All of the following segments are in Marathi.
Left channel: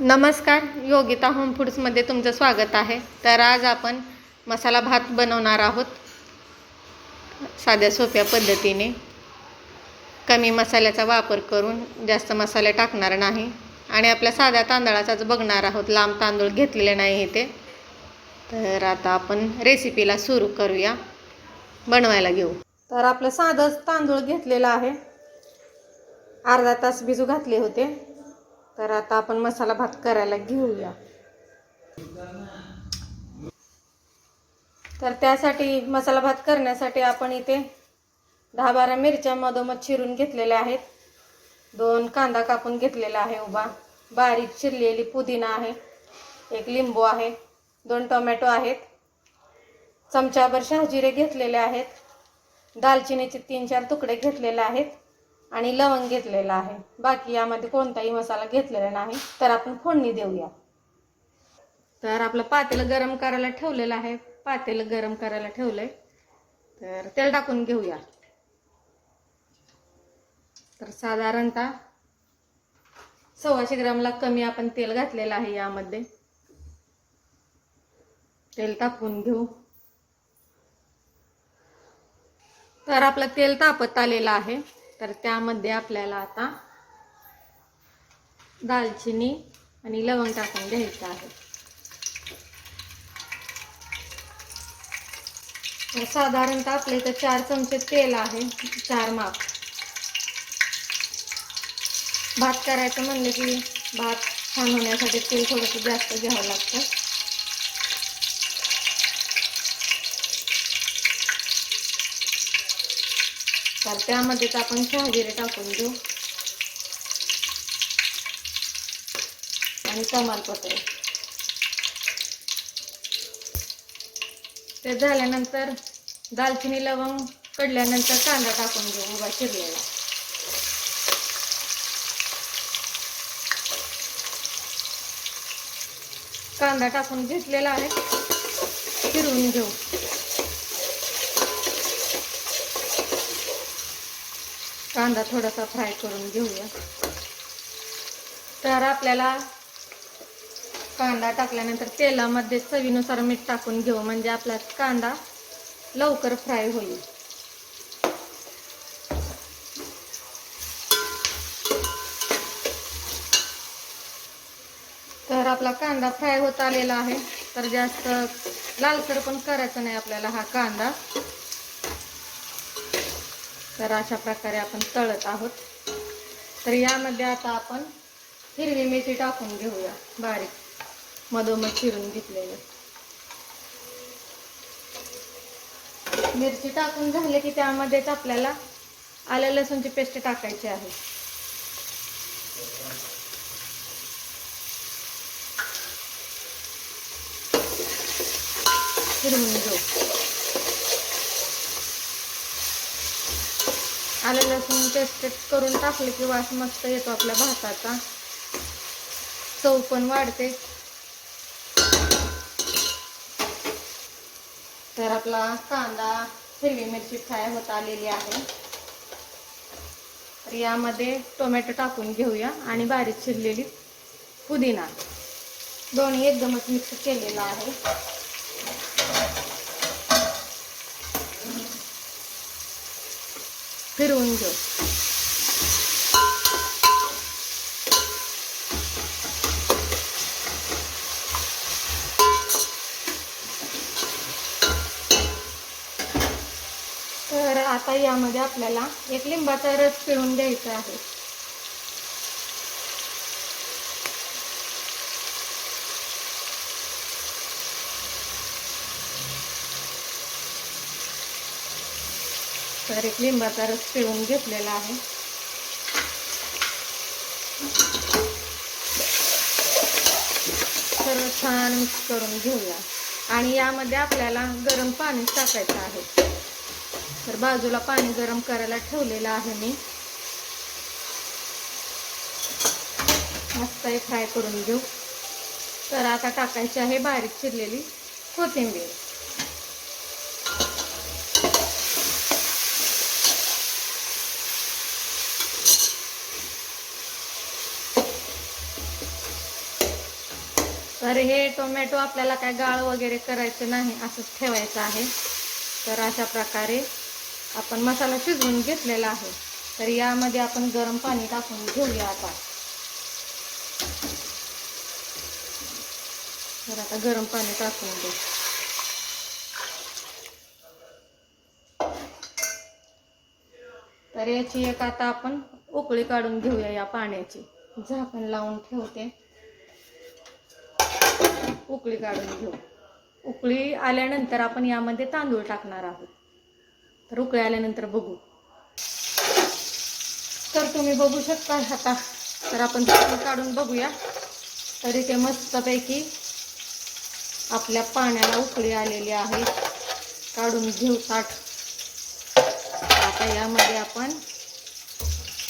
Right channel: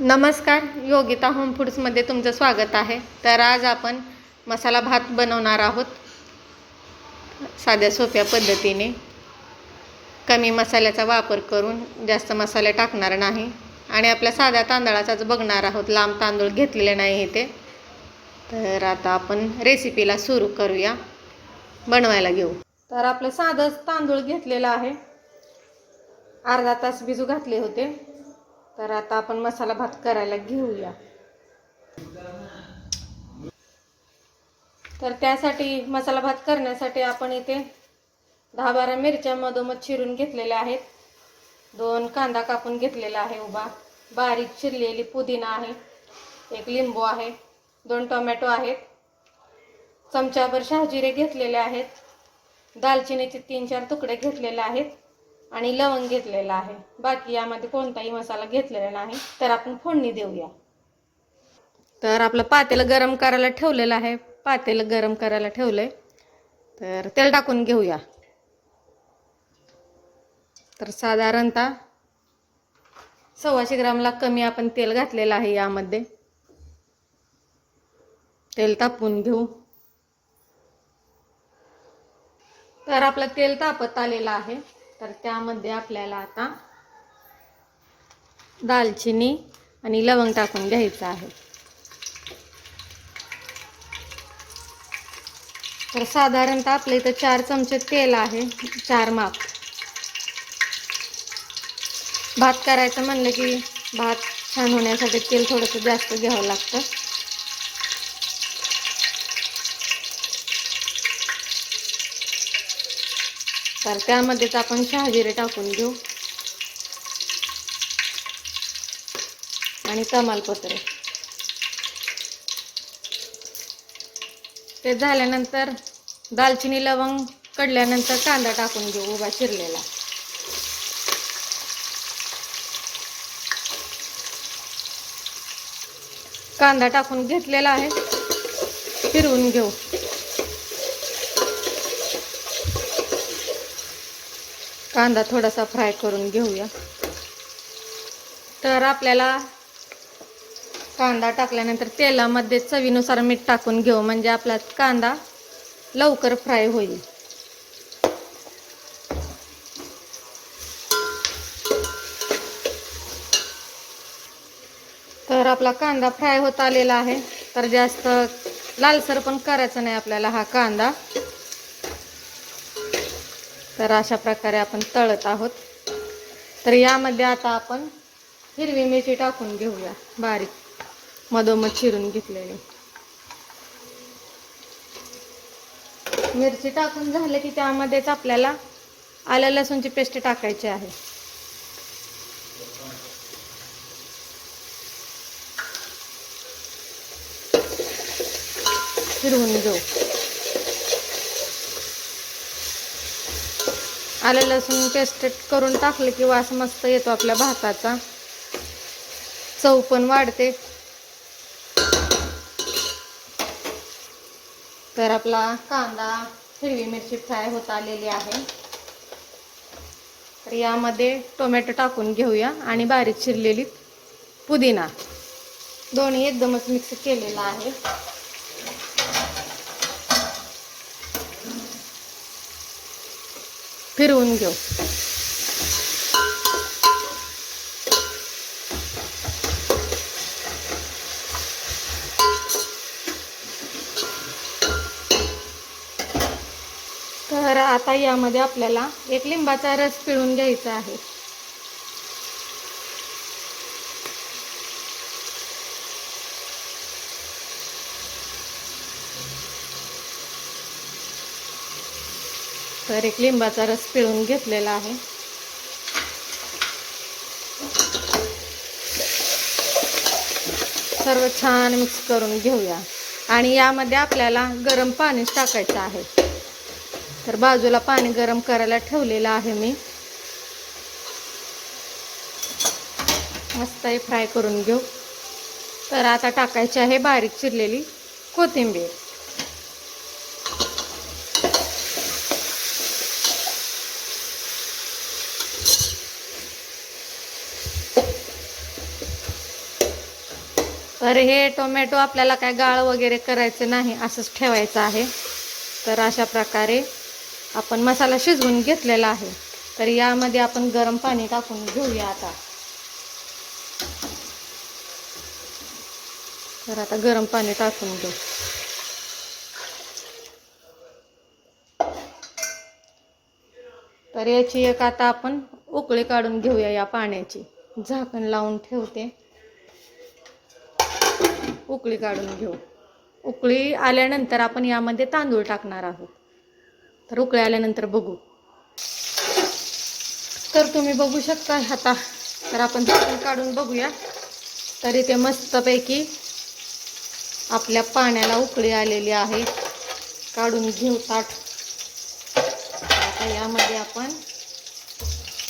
नमस्कार योगिता होम फूड्समध्ये तुमचं स्वागत आहे. तर आज आपण मसाला भात बनवणार आहोत. साध्या सोप्या पद्धतीने. कमी मसाल्याचा वापर करून जास्त मसाले टाकणार नाही. आणि आपल्या साध्या तांदळाचाच बघणार आहोत. लांब तांदूळ घेतलेले नाही इथे. तर आता आपण रेसिपीला सुरू करूया. बनवायला घेऊ. तर आपलं साधं तांदूळ घेतलेलं आहे. अर्धा तास भिजू घातले होते. तर आता आपण मसाला भात करायला घेऊया. तर त्यासाठी मसाला भात करण्यासाठी आपण इथे दहा बारा मिरच्या मधोमध चिरून घेतलेल्या आहेत. दोन कांदा कापून घेतलेला आहे उभा. बारीक चिरलेली पुदिना आहे. एक लिंबू आहे. दोन टोमॅटो आहेत. चमच्याभर शहाजिरे घेतलेले आहेत. दालचिनीचे तीन चार तुकडे घेतलेले आहेत. आणि लवंग घेतलेला आहे. बाकी यामध्ये कोणताही मसाला घेतलेला नाही. तर आपण फोडणी देऊया. तर आपलं पातेलं गरम करायला ठेवलेलं आहे. पातेलं गरम करायला ठेवलंय. तर तेल टाकून घेऊया. तर साधारणतः सव्वाशे ग्रामला कमी आपण तेल घातलेलं आहे यामध्ये. तेल तापवून घेऊ. तर आपलं तेल तापत आलेलं आहे. तर त्यामध्ये आपल्याला आता दालचिनी आणि लवंग टाकून घ्यायचं आहे. तर साधारणतः आपल्या इथं चार चमचे तेल आहे चार माप. भात करायचं म्हणलं की भात छान होण्यासाठी तेल थोडंसं जास्त घ्यावं लागतं. त्यामध्येच आपण शहाजिरे टाकून घेऊ. आणि तमालपत्र. ते झाल्यानंतर दालचिनी लवंग कडल्यानंतर कांदा टाकून घेऊ उभा चिरलेला. कांदा टाकून घेतलेला आहे. फिरवून घेऊ. कांदा थोडासा फ्राय करून घेऊया. तर आपल्याला कांदा टाकल्यानंतर तेलामध्ये चवीनुसार मीठ टाकून घेऊ म्हणजे आपला कांदा लवकर फ्राय होईल. तर आपला कांदा फ्राय होत आलेला आहे. तर जास्त लालसर पण करायचं नाही आपल्याला हा कांदा. तर अशा प्रकारे आपण तळत आहोत. तर यामध्ये आता आपण हिरवी मिरची टाकून घेऊया बारीक. मधोमध चिरून घेतलेली. मिरची टाकून झाले की त्यामध्येच आपल्याला आल्या लसूणची पेस्ट टाकायची आहे. फिरवून घेऊ. आलं लसूण पेस्ट करून टाकलं की वास मस्त येतो आपल्या भाताचा. चव पण वाढते. तर आपला कांदा हिरवी मिरची फ्राय होत आलेली आहे. तर यामध्ये टोमॅटो टाकून घेऊया आणि बारीक चिरलेली पुदिना. दोन्ही एकदमच मिक्स केलेला आहे. फिरवून घेऊ तर आता यामध्ये आपल्याला एक लिंबाचा रस पिळून घ्यायचा आहे. तर एक लिंबाचा रस पिळून घेतलेला आहे. सर्व छान मिक्स करून घेऊया. आणि यामध्ये आपल्याला गरम पाणीच टाकायचं आहे. तर बाजूला पाणी गरम करायला ठेवलेलं आहे मी. मस्त हे फ्राय करून घेऊ. तर आता टाकायची आहे बारीक चिरलेली कोथिंबीर. तर हे टोमॅटो आपल्याला काय गाळ वगैरे करायचं नाही असंच ठेवायचं आहे. तर अशा प्रकारे आपण मसाला शिजवून घेतलेला आहे. तर यामध्ये आपण गरम पाणी टाकून घेऊया आता. तर आता गरम पाणी टाकून घेऊ. तर याची एक आता आपण उकळी काढून घेऊया या पाण्याची. झाकण लावून ठेवते. उकळी काढून घेऊ. उकळी आल्यानंतर आपण यामध्ये तांदूळ टाकणार आहोत. तर उकळी आल्यानंतर बघू. तर तुम्ही बघू शकता आता. तर आपण तांदूळ काढून बघूया. तर इथे मस्तपैकी आपल्या पाण्याला उकळी आलेली आहे. काढून घेऊ ताट. आता यामध्ये आपण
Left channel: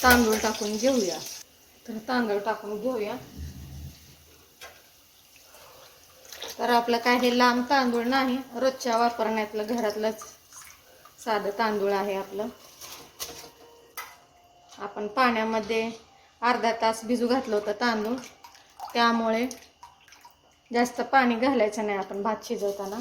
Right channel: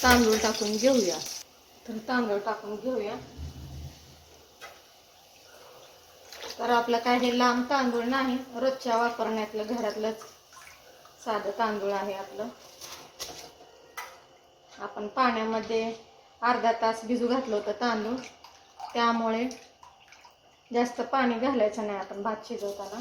तांदूळ टाकून घेऊया. तर तांदूळ टाकून घेऊया. तर आपलं काय हे लांब तांदूळ नाही रोजच्या वापरण्यातलं घरातलंच साधं तांदूळ आहे आपलं. आपण पाण्यामध्ये अर्धा तास भिजू घातलं होतं तांदूळ. त्यामुळे जास्त पाणी घालायचं नाही आपण भात शिजवताना.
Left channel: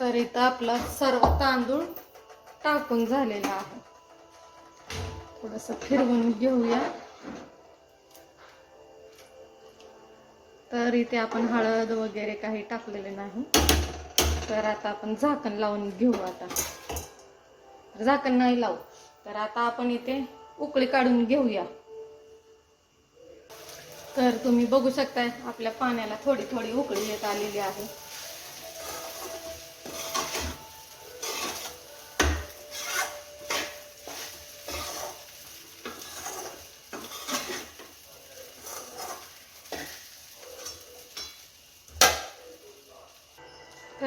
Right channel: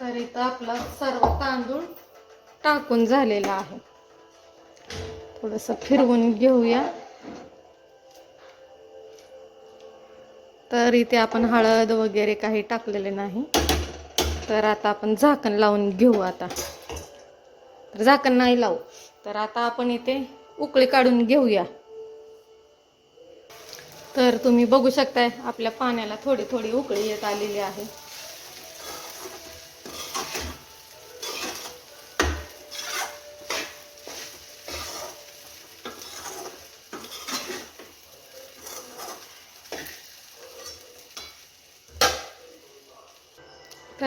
तर इथं आपला सर्व तांदूळ टाकून झालेला आहे. थोडंसं फिरवून घेऊया. तर इथे आपण हळद वगैरे काही टाकलेले नाही. तर आता आपण झाकण लावून घेऊ आता. तर झाकण नाही लावू. तर आता आपण इथे उकळी काढून घेऊया. तर तुम्ही बघू शकताय आपल्या पाण्याला थोडी थोडी उकळी येत आलेली आहे.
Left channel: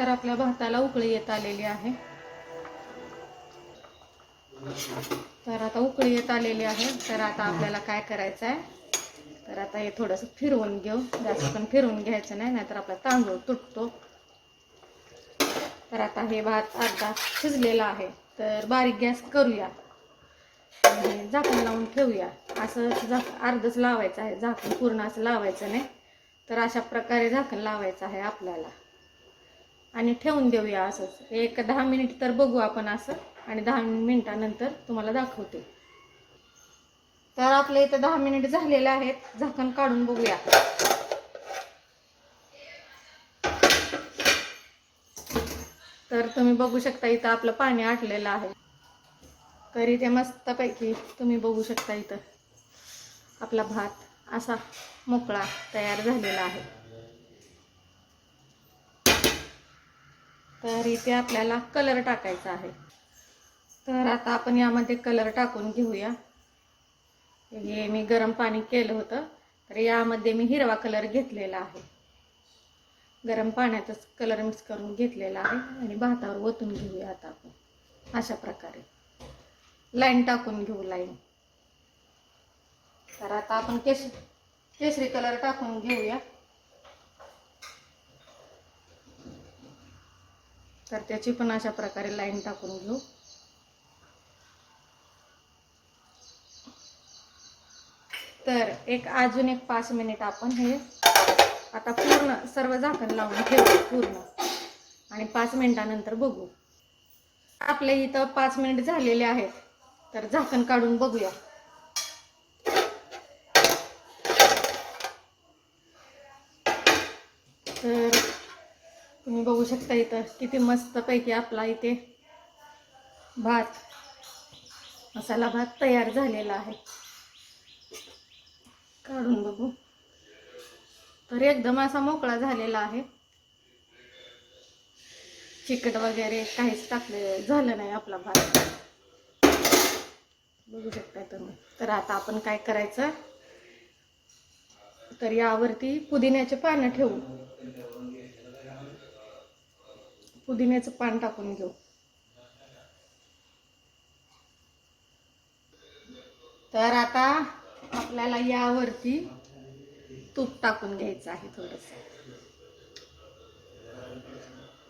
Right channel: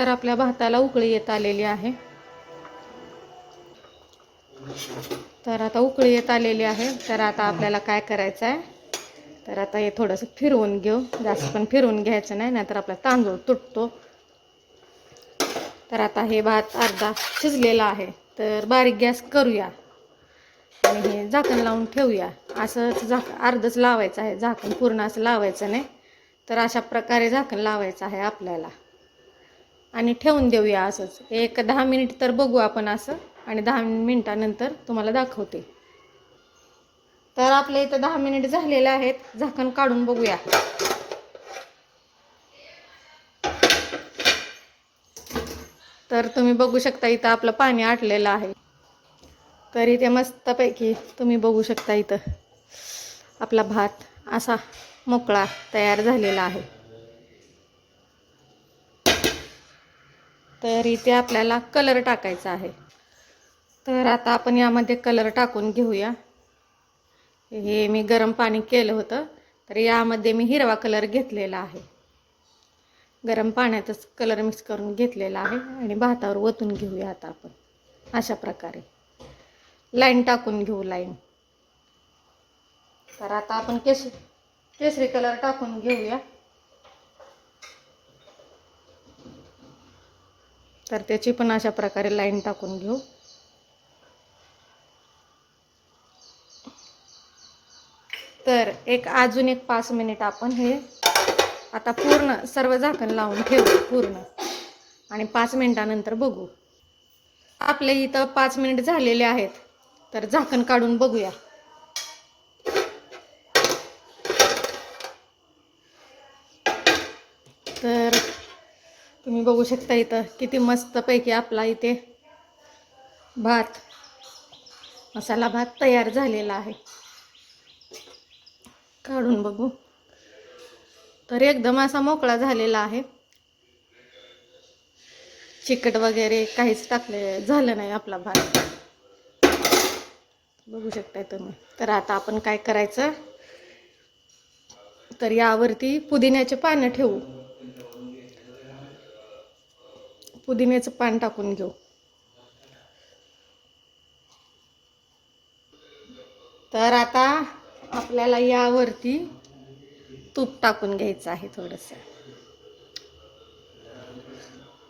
तर आपल्या भाताला उकळी येत आलेली आहे. तर आता उकळी येत आलेली आहे. तर आता आपल्याला काय करायचं आहे? तर आता हे थोडंसं फिरवून घेऊ. जास्त पण फिरवून घ्यायचं नाही नाहीतर आपला तांदूळ तुटतो. तर आता हे भात अर्धा शिजलेला आहे. तर बारीक गॅस करूया. आणि हे झाकण लावून ठेवूया. असं झाक अर्धच लावायचं आहे. झाकण पूर्ण असं लावायचं नाही. तर अशा प्रकारे झाकण लावायचं आहे आपल्याला. आणि ठेवून देऊया असंच. एक दहा मिनिट तर बघू आपण असं आणि दहा मिनिटानंतर तुम्हाला दाखवते. तर आपल्या इथं दहा मिनिट झालेले आहेत. झाकण काढून बघूया. तर तुम्ही बघू शकता इथं आपलं पाणी आटलेलं आहे. तर इथे मस्तपैकी तुम्ही बघू शकता इथं आपला भात असा मोकळा तयार झालेला आहे. तर इथे आपल्याला कलर टाकायचा आहे. तर आता आपण यामध्ये कलर टाकून घेऊया. हे मी गरम पाणी केलं होतं तर यामध्ये मी हिरवा कलर घेतलेला आहे. गरम पाण्यातच कलर मिक्स करून घेतलेला आहे आणि भातावर ओतून घेऊया आता आपण. अशा प्रकारे. लाईन टाकून घेऊ लाईन. तर आता आपण केश केसरी कलर टाकून घेऊया. तर त्याची पण अशा प्रकारे लाईन टाकून घेऊ. तर एक अजून एक पाच मिनिट आपण हे आता पूर्ण सर्व झाकण लावून ठेवू पूर्ण. आणि पाच मिनिटानंतर बघू. आपले इथं पाच मिनिट झालेले आहेत तर झाकण काढून बघूया तर तुम्ही बघू शकता इथं किती मस्तपैकी आपला इथे भात मसाला भात तयार झालेला आहे. काढून बघू. तर एकदम असा मोकळा झालेला आहे. चिकट वगैरे काहीच टाकले झालं नाही आपला भात. बघू शकताय तुम्ही. तर आता आपण काय करायचं? तर यावरती पुदिन्याचे पानं ठेवू. पुदिन्याचं पान टाकून घेऊ. तर आता आपल्याला यावरती तूप टाकून घ्यायचं आहे थोडंसं.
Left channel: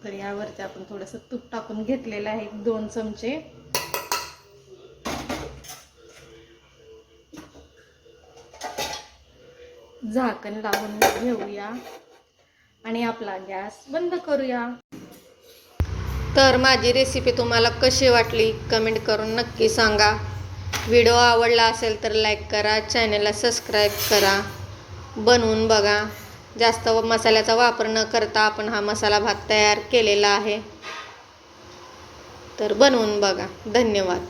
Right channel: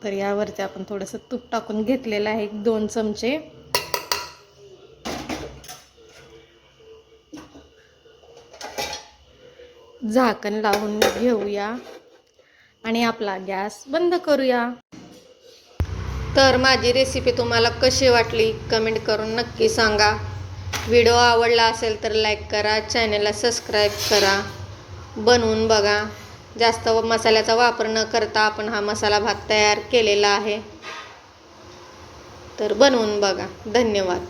तर यावरती आपण थोडंसं तूप टाकून घेतलेलं आहे एक दोन चमचे. झाकण लावून घेऊया. आणि आपला गॅस बंद करूया. तर माझी रेसिपी तुम्हाला कशी वाटली कमेंट करून नक्की सांगा. व्हिडिओ आवडला असेल तर लाईक करा चॅनलला सबस्क्राईब करा. बनवून बघा. जास्त मसाल्याचा वापर न करता आपण हा मसाला भात तयार केलेला आहे. तर बनवून बघा. धन्यवाद.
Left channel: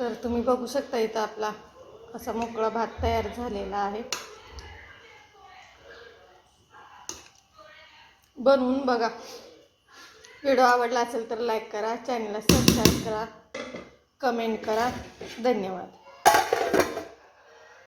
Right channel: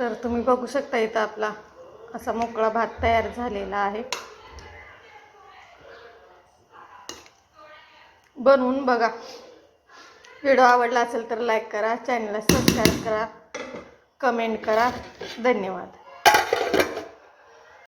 तर तुम्ही बघू शकता इथं आपला असा मोकळा भात तयार झालेला आहे. बनवून बघा. व्हिडिओ आवडला असेल तर लाईक करा चॅनलला सबस्क्राईब करा कमेंट करा. धन्यवाद.